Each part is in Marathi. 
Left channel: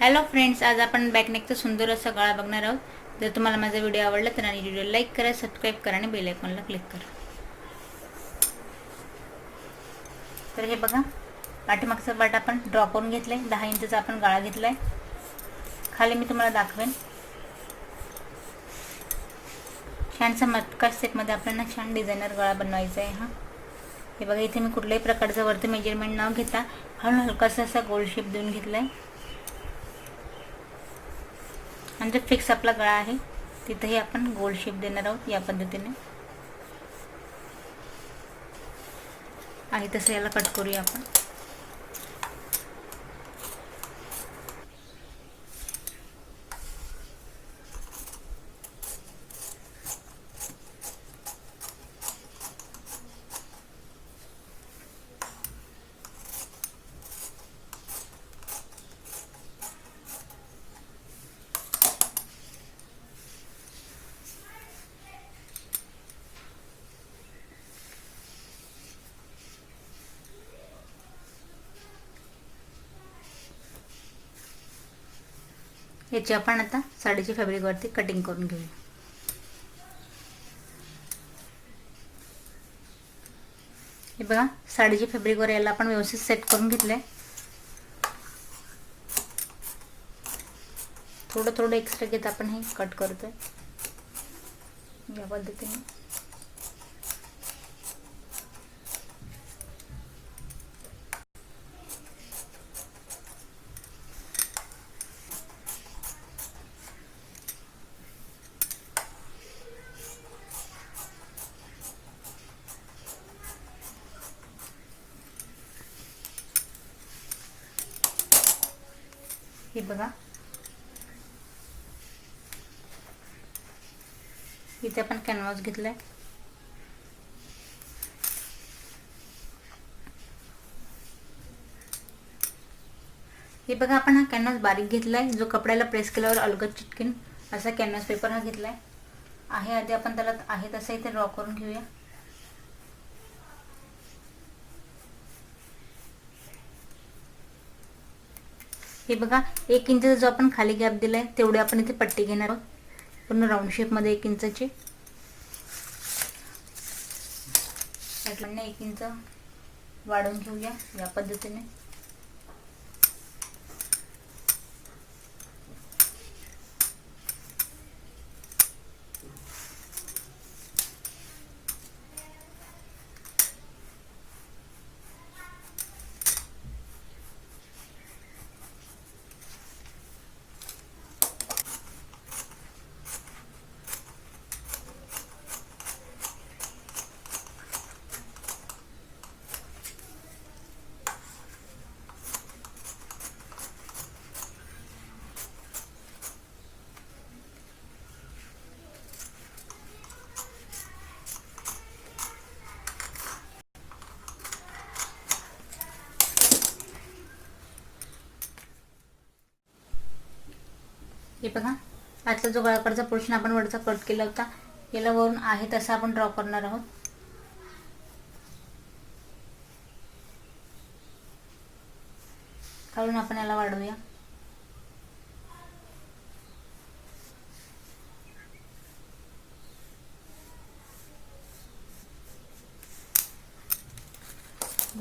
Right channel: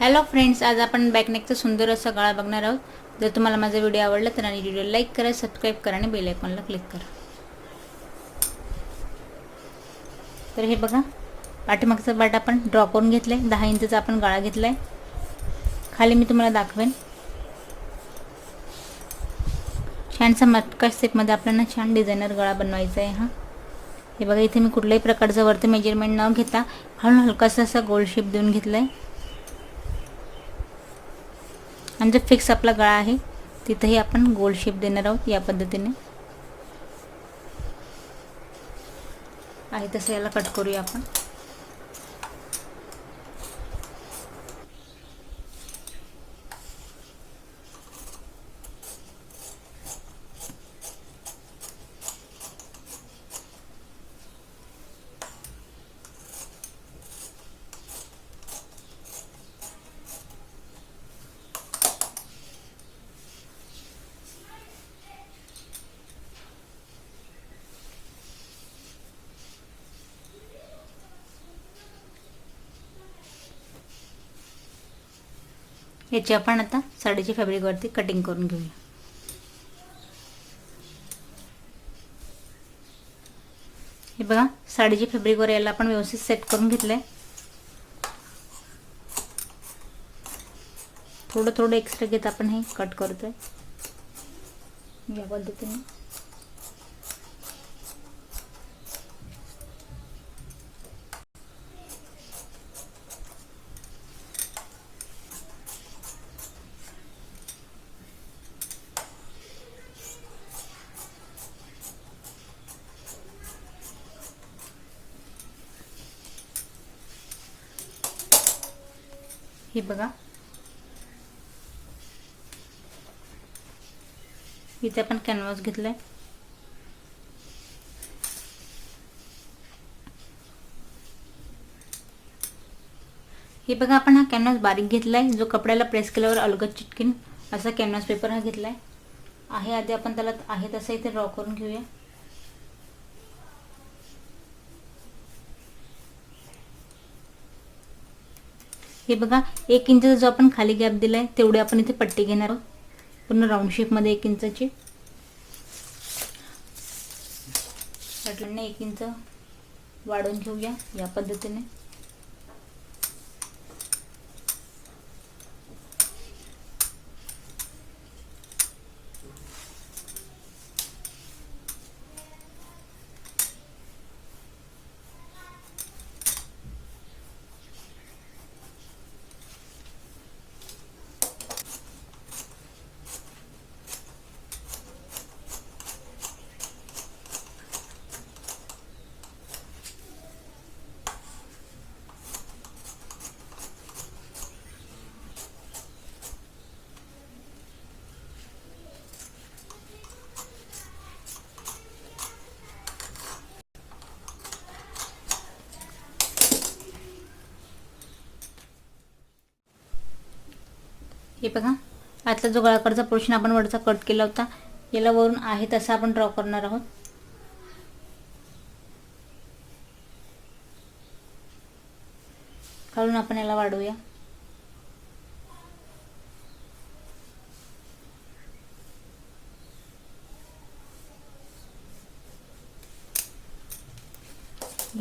हॅलो फ्रेंड्स, आज आपण बॅकनेकचा सुंदर असा गळा बघणार आहोत। जर तुम्हाला माझा व्हिडिओ आवडला तर आणि व्हिडिओ लाईक करा, सबस्क्राईब करा आणि बेल आयकॉनला क्लिक करा। तर हे बघा, पाठीमागचा पार्ट आपण ड्रॉ करून घेतलाय। 10 इंचचा आपण गळा घेतलाय। खाली मी तुम्हाला दाखवेन। छानसा मटका शेपमध्ये आपल्याला छान डिझायनर गळा बनवायचा आहे। हे बघा, इथे मी कुठल्याही प्रकारचं वरती मेजरमेंट न घेता हलकासा असा गोल शेप देऊन घेतलाय। आणि जो फिक्स आपला गळा आहे तिथेही आपण गोल शेप देणार आहोत। या पद्धतीने आहे तसं याला कट करूया आपण। याची आपण आता साडीच्या फॅब्रिकवरती कटिंग करून घेऊया। हे बघा, साडीच्या फॅब्रिकवर याला आपण व्यवस्थित सेट करून घेतलंय। थोडं थोडं एक्स्ट्रा घेत आपण हे कट करतोय या पद्धतीने। हे बघा, इथे आपण कॅनव्हास घेतलाय। हे बघा, आपण हा कॅनव्हास बारीक घेतलाय, जो कपड्याला प्रेस केल्यावर अलगद चिटकेन असा कॅनव्हास पेपर हा घेतलाय आहे। आधी आपण त्याला आहे तसं इथे ड्रॉ करून घेऊया। हे बघा, 1 इंचचा जो आपण खाली गॅप दिलाय तेवढे आपण इथे पट्टी घेणार आहोत, पूर्ण राऊंड शेप मध्ये 1 इंचाची। त्यातून 1 इंच वाढवून घेऊया या पद्धतीने। हे बघा, आतला जो गळाकडचा पोर्शन आपण वरचा कट केला होता याला वरून आहे तसा आपण ड्रॉ करणार आहोत। काढून आपण याला वाढवूया।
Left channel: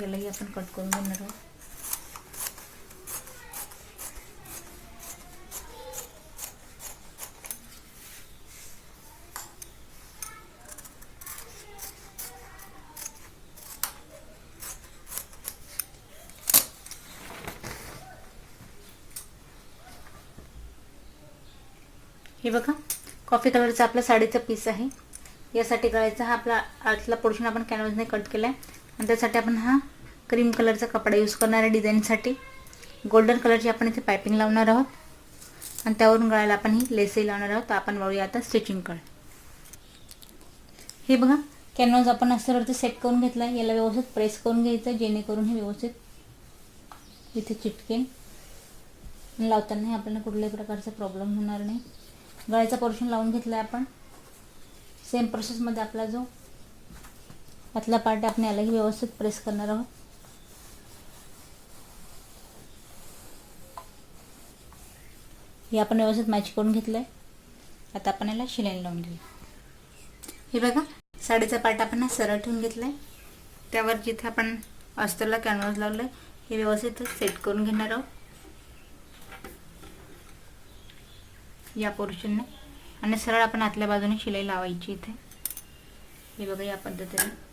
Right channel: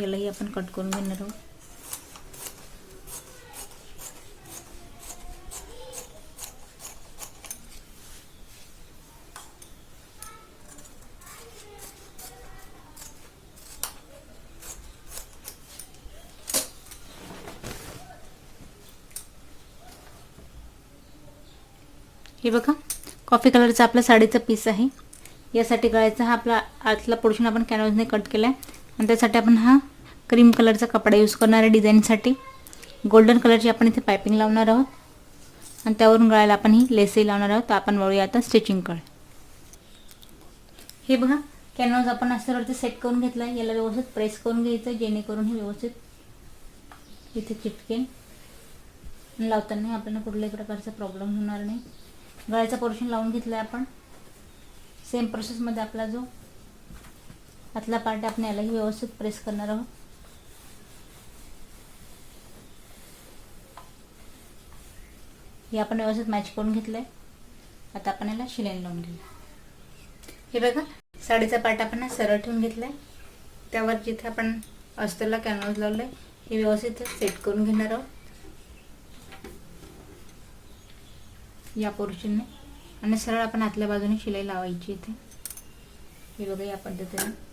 यालाही आपण कट करून घेणार आहोत। हे बघा, कॉफी कलरचा आपला साडीचा पीस आहे। यासाठी गळ्याचा हा आपला आतला पोर्शन आपण कॅनव्हासने कट केलाय आणि त्यासाठी आपण हा क्रीम कलरचा कपडा यूज करणार आहे डिझाईनसाठी। गोल्डन कलरची आपण इथे पाइपिंग लावणार आहोत आणि त्यावरून गळ्याला आपण ही लेसही लावणार आहोत। आपण वळूया आता स्टिचिंगकडे। हे बघा, कॅनव्हास आपण असं सेट करून घेतलाय। याला व्यवस्थित प्रेस करून घ्यायचं जेणेकरून हे व्यवस्थित इथे चिटकेन। लावताना आपल्याला कुठल्याही प्रकारचा प्रॉब्लेम होणार नाही। गळ्याचा पोर्शन लावून घेतलाय आपण। सेम प्रोसेस मध्ये आपला जो आतला पार्ट आपण यालाही व्यवस्थित प्रेस करणार आहोत। हे आपण व्यवस्थित मॅच करून घेतलंय. आता आपण याला शिलाई लावून घेऊ. हे बघा, साडीचा पार्ट आपण सरळ ठेवून घेतलाय. त्यावर जिथे आपण अस्तरला कॅनव्हास लावलंय हे व्यवस्थित सेट करून घेणार आहोत या पोर्शनने. आणि सरळ आपण आतल्या बाजूने शिलाई लावायची इथे. हे बघा या पद्धतीने.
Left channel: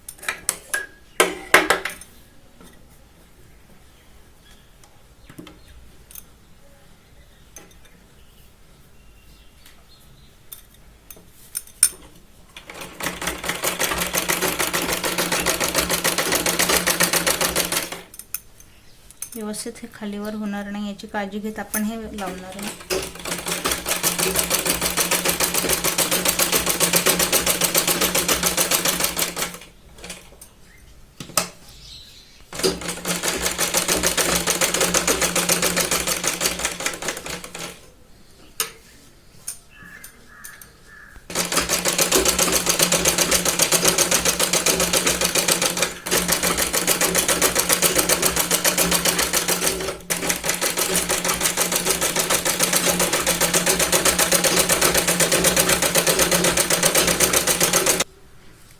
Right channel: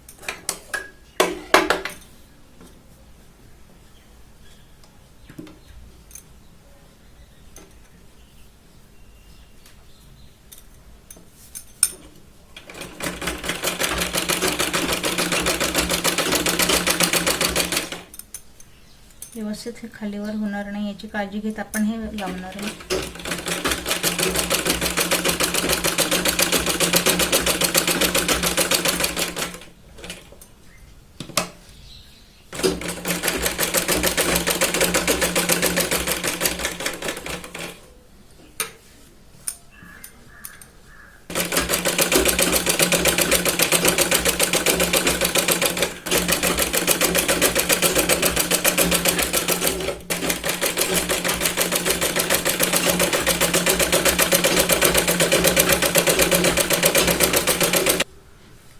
व्यवस्थित हे खालीवर होणार नाही याची काळजी घेत आपण हे लावणार आहे.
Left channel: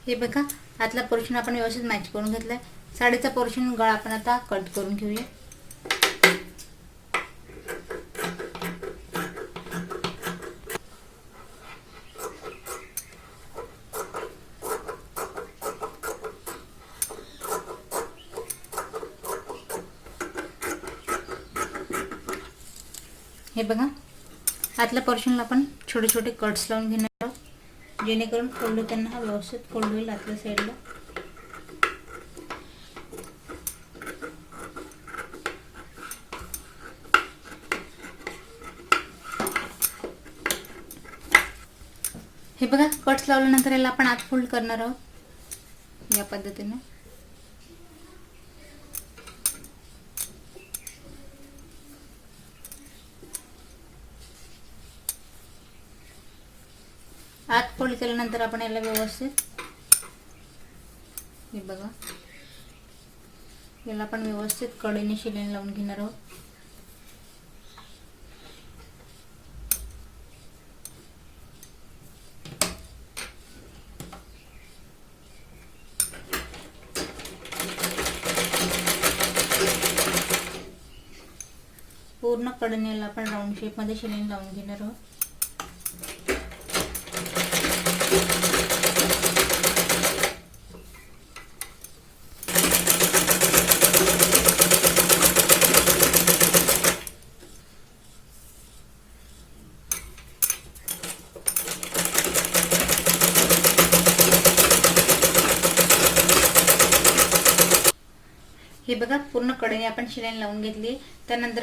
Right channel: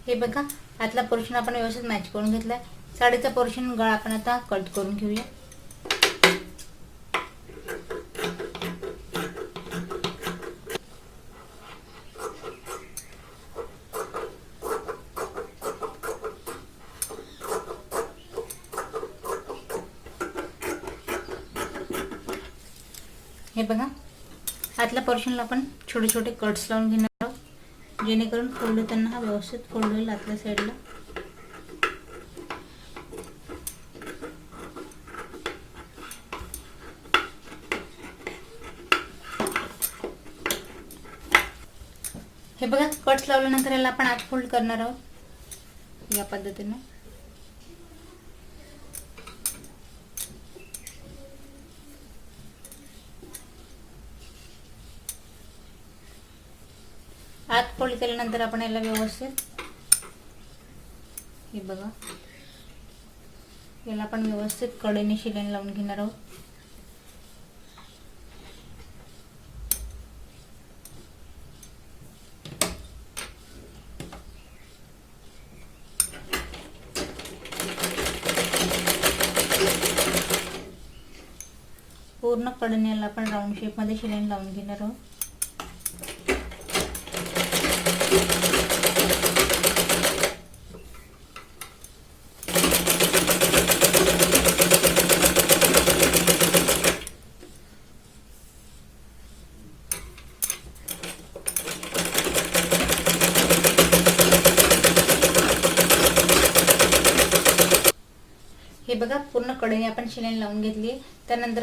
हे बघा, आतला पोर्शन आपण व्यवस्थित मॅच करून घेतलाय. साडीचा पोर्शन गळा आपण आता कट करून घेऊया. हे बघा, आतल्या पोर्शनला आपण छोटे छोटे कट्स लावून घेणार आहोत, जेणेकरून फोल्ड होताना हा व्यवस्थित फोल्ड होईल आतल्या साईडला. हे बघा, कट्स लावल्यानंतर याला आपण आत फोल्ड करणार आहोत या पद्धतीने. आत फोल्ड केल्यानंतर आपण याला व्यवस्थित, हे बघा, याला आपण व्यवस्थित कडेने शिलाई लावून घेणार आहोत. पूर्ण कडेने याला आपण राऊंड शेप मध्ये शिलाई लावून घेणार आहोत. हे बघा, पूर्ण कडेने आपण शिलाई लावून घेतली. त्यानंतर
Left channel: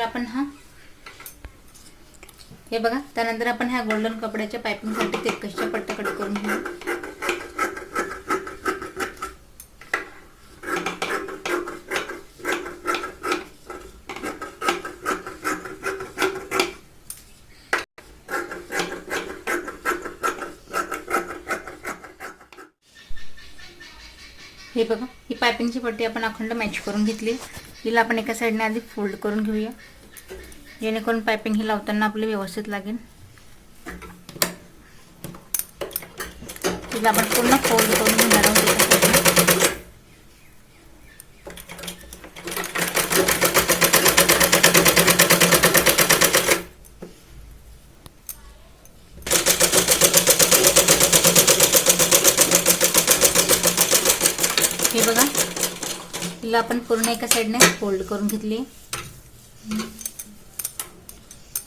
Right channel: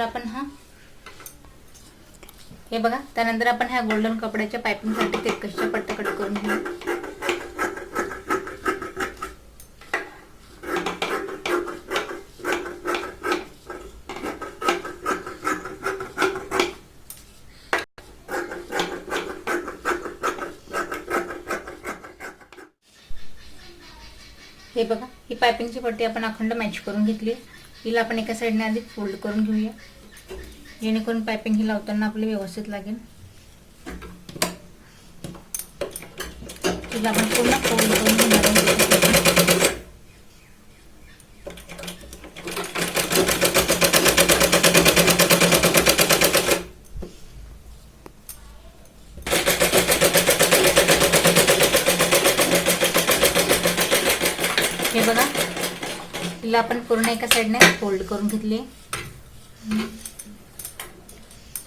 आपण ह्या गोल्डन कपड्याच्या पायपिंग साठी तिरकसच्या पट्ट्या कट करून घेऊ. हे बघा, ही पायपिंगची पट्टी आपण अखंड मॅच करून घेतली. हिला आपण एका साईडने आधी फोल्ड करून घेऊया, जेणेकरून पायपिंग ही लावताना आपली व्यवस्थित लागेल. हिला आपण पूर्ण फोल्ड करून घेणार. हे बघा, हिला आपण पूर्ण एका साईडने फोल्ड करून घेतली.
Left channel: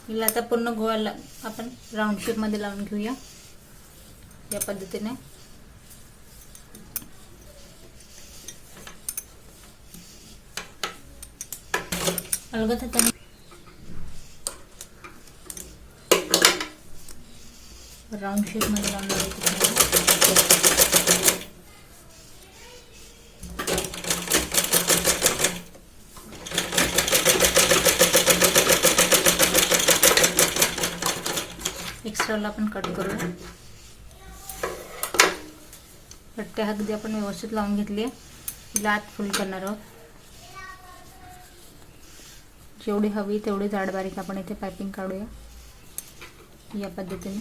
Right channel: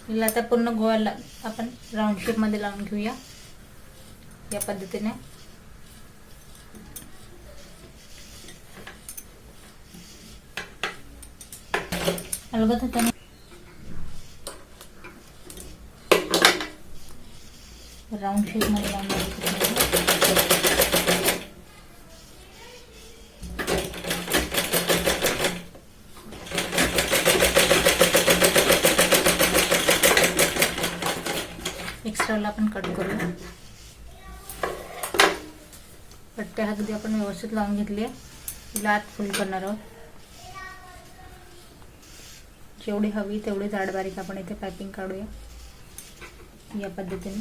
हिला आता पूर्ण गोळा आपण राऊंड शेप मध्ये लावून घेऊया या पद्धतीने. अलगद हाताने राऊंड शेप मध्ये लावून एक्स्ट्राला आपण कट करू. पट्ट्या अगदी आपण व्यवस्थित लावून घेतली. तिला आत फोल्ड करणार आहोत. जेवढी हवी तेवढी जाड बारीक आपण इथे पायपिंग काढूया. या पद्धतीने.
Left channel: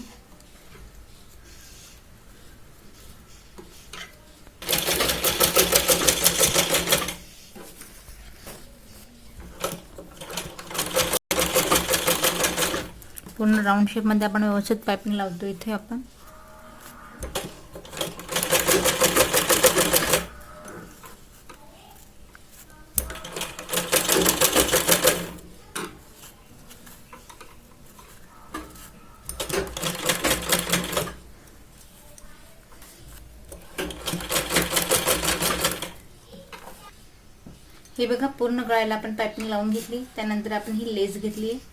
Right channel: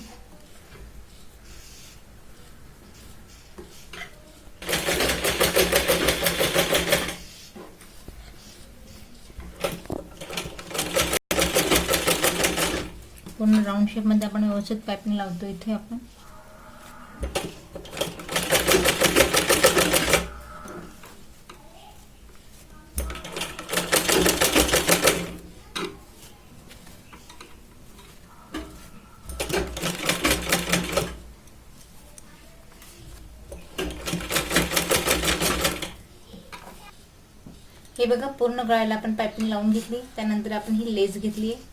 पूर्ण राऊंड शेप मध्ये आपण व्यवस्थित पाइपिंग लावतो इथे आपण. हे बघा, पूर्ण गळ्याला आपण पाइपिंग लावून घेतली. त्यानंतर आपण ही लेस घेतली आहे.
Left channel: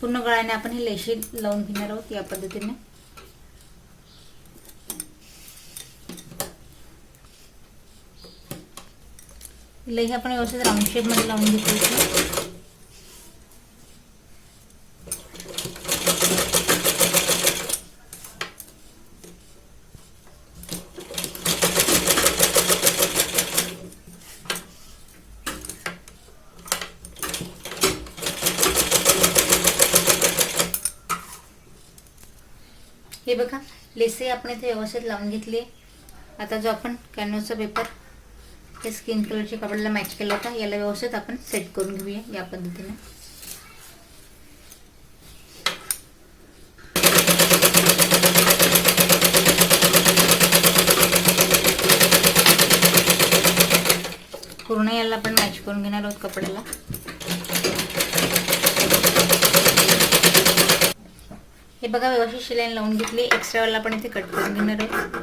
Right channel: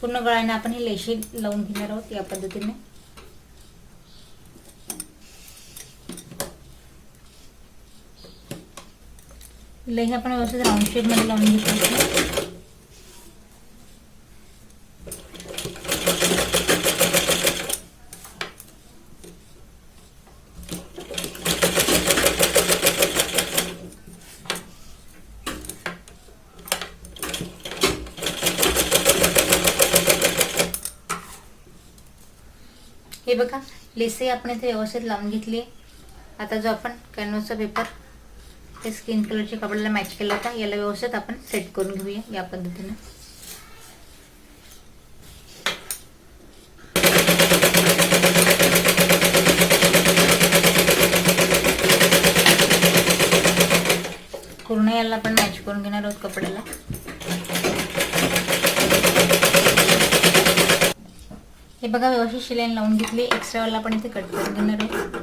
पूर्ण गळ्याने आपण ही लेशी लावून घेणार आहोत या पद्धतीने. लेही आपण व्यवस्थित राऊंड शेप मध्ये लावून घेतली. हे बघा, लेसही आपण इथे व्यवस्थित लावून घेतली. आता जो आपण कॅनव्हासचा पेपर ते स्किन कलरच्या कपड्याला मॅच केला होता, याला व्यवस्थित आपण सेट करून घेऊया या पद्धतीने. पूर्ण याला आपण मॅच करून घेणार आहोत कपड्याला. हे बघा, व्यवस्थित शिलाई लावून घेतली. एक्स्ट्रा वाला आपण इथे कट करून घेणार आहोत.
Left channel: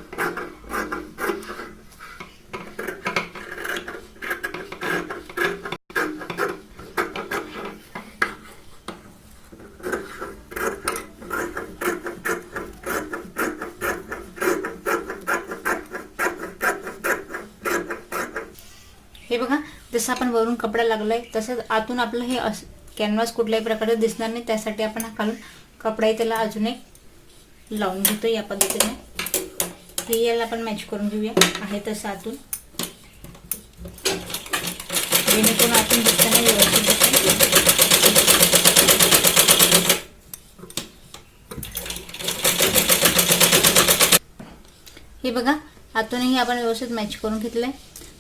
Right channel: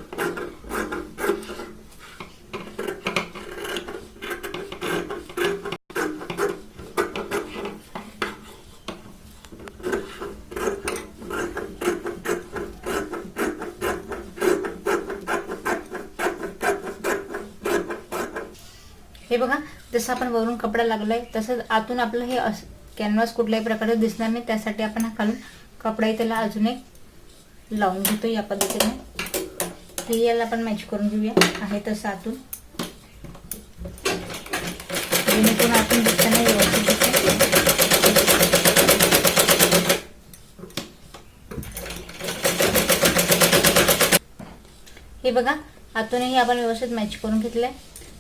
हे बघा, जसं आपण वरून कपडा लागलाय तसंच आतून आपलं हे कॅनव्हास कुठल्याही प्रकारे दिसणार नाही. त्यासाठी आपण खालून कपडाही त्याला अजून एक लावून घेतो या पद्धतीने. हे याला आपण मॅच करून घेऊया आहे तसं आतून, जेणेकरून आतून दिसताना व्यवस्थित दिसेल. हे बघा, आतूनही आपण व्यवस्थित मॅच करून घेतलंय.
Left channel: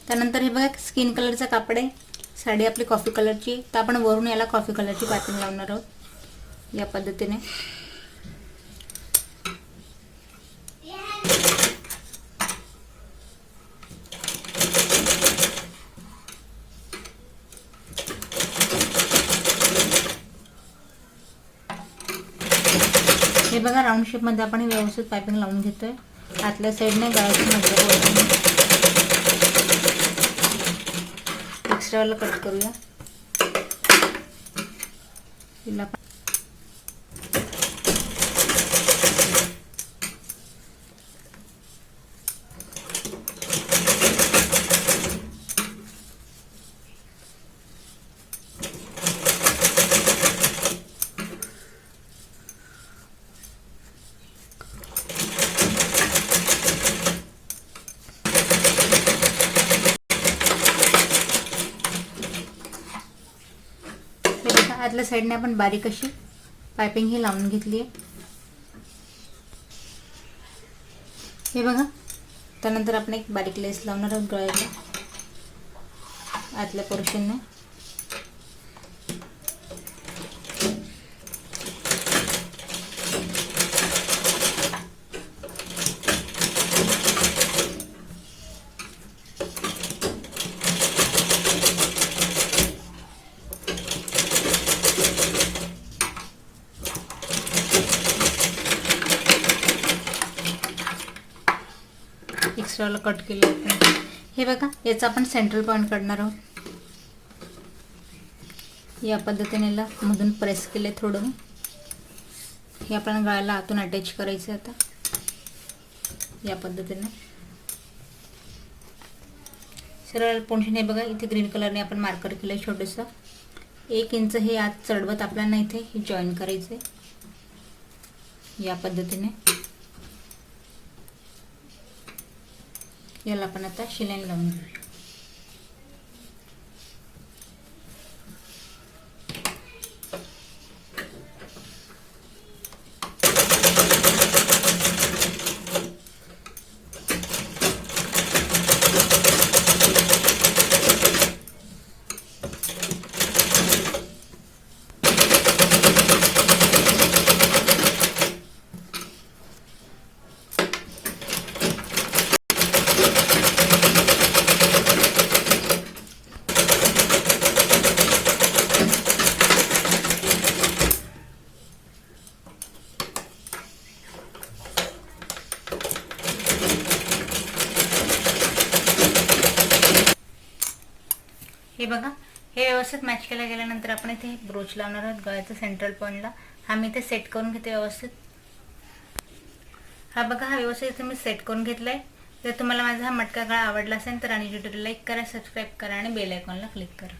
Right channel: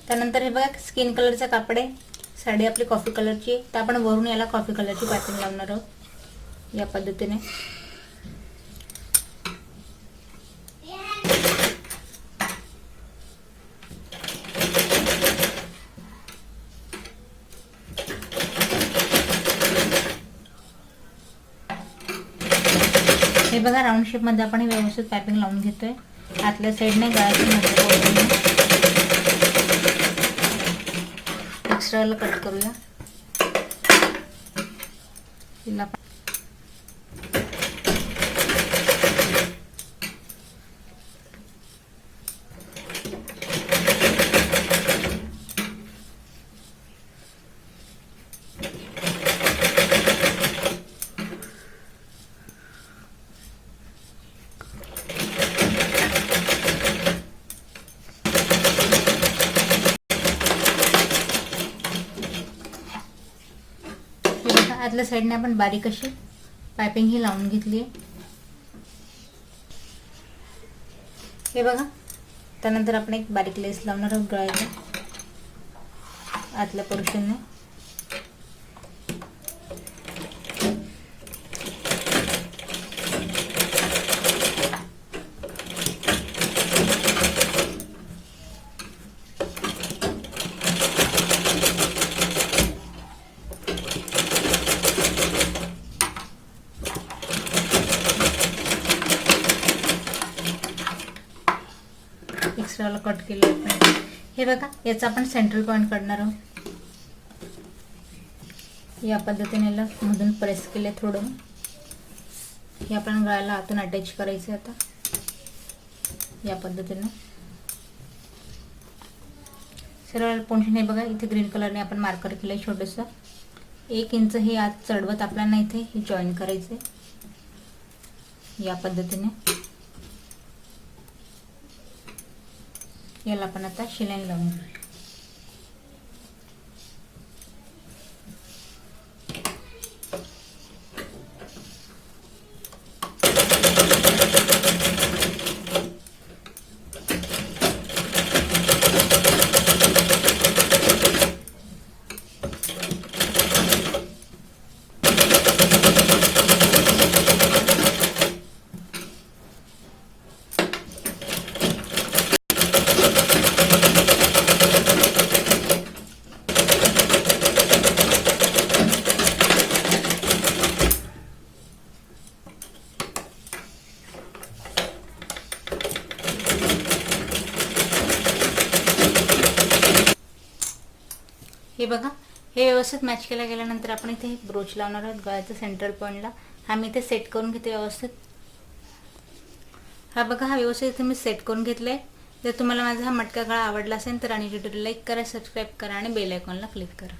त्यानंतर हे बघा, स्किन कलरचा कापड आहे. साडी आपली कॉफी कलरची, तर आपण वरून याला कॉफी कलरची पाइपिंग लावणार आहोत या पद्धतीने. हे बघा, राऊंड शेप मध्ये आपण व्यवस्थित पाइपिंग लावून घेतोय. आतल्या साईडने गळ्याची मध्ये एक्स्ट्राला कट करूया. हिला आतल्या साईडने आपण बारीक अशी पाइपिंग ही लावून घेतली. हे बघा, त्यानंतर आपण एक बारीक लेस लावणार आहोत गळ्याला आतल्या पोर्शनने. एक्स्ट्राला कट केलं आपण. हे बघा, याचा आपण सेंट्रल पॉइंट काढणार आहोत. या पद्धतीने याला मधून प्रेस केले थोडं. हे आपण गळ्याला आतून अटॅच करायचं आता या पद्धतीने. सरळ पोर्शन हे बघा, इथे ग्रीन कलरने आपण मार्कर केलंय छोटंसं. 1 इंच हे आत चढवत आपल्याला इथे हे जॉईन करायचंय या पद्धतीने. याला आपण आता शिलाई लावून घेऊया. बघा, हे व्यवस्थित मॅच केलं गेल्यानंतर आपण इथे एक ब्रोच लावणार आहोत गळ्याच्या सेंट्रल पॉईंटला. हा मी इथे सेट करून घेते व्यवस्थित. हा बघा, हा व्यवस्थित इथे मी सेट करून घेतलाय. जर तुम्हाला माझा हा मटका गळा आवडला असेल तर राणी ट्युटोरियल लाईक करा, सबस्क्राईब करा आणि बेल आयकॉनला क्लिक करा.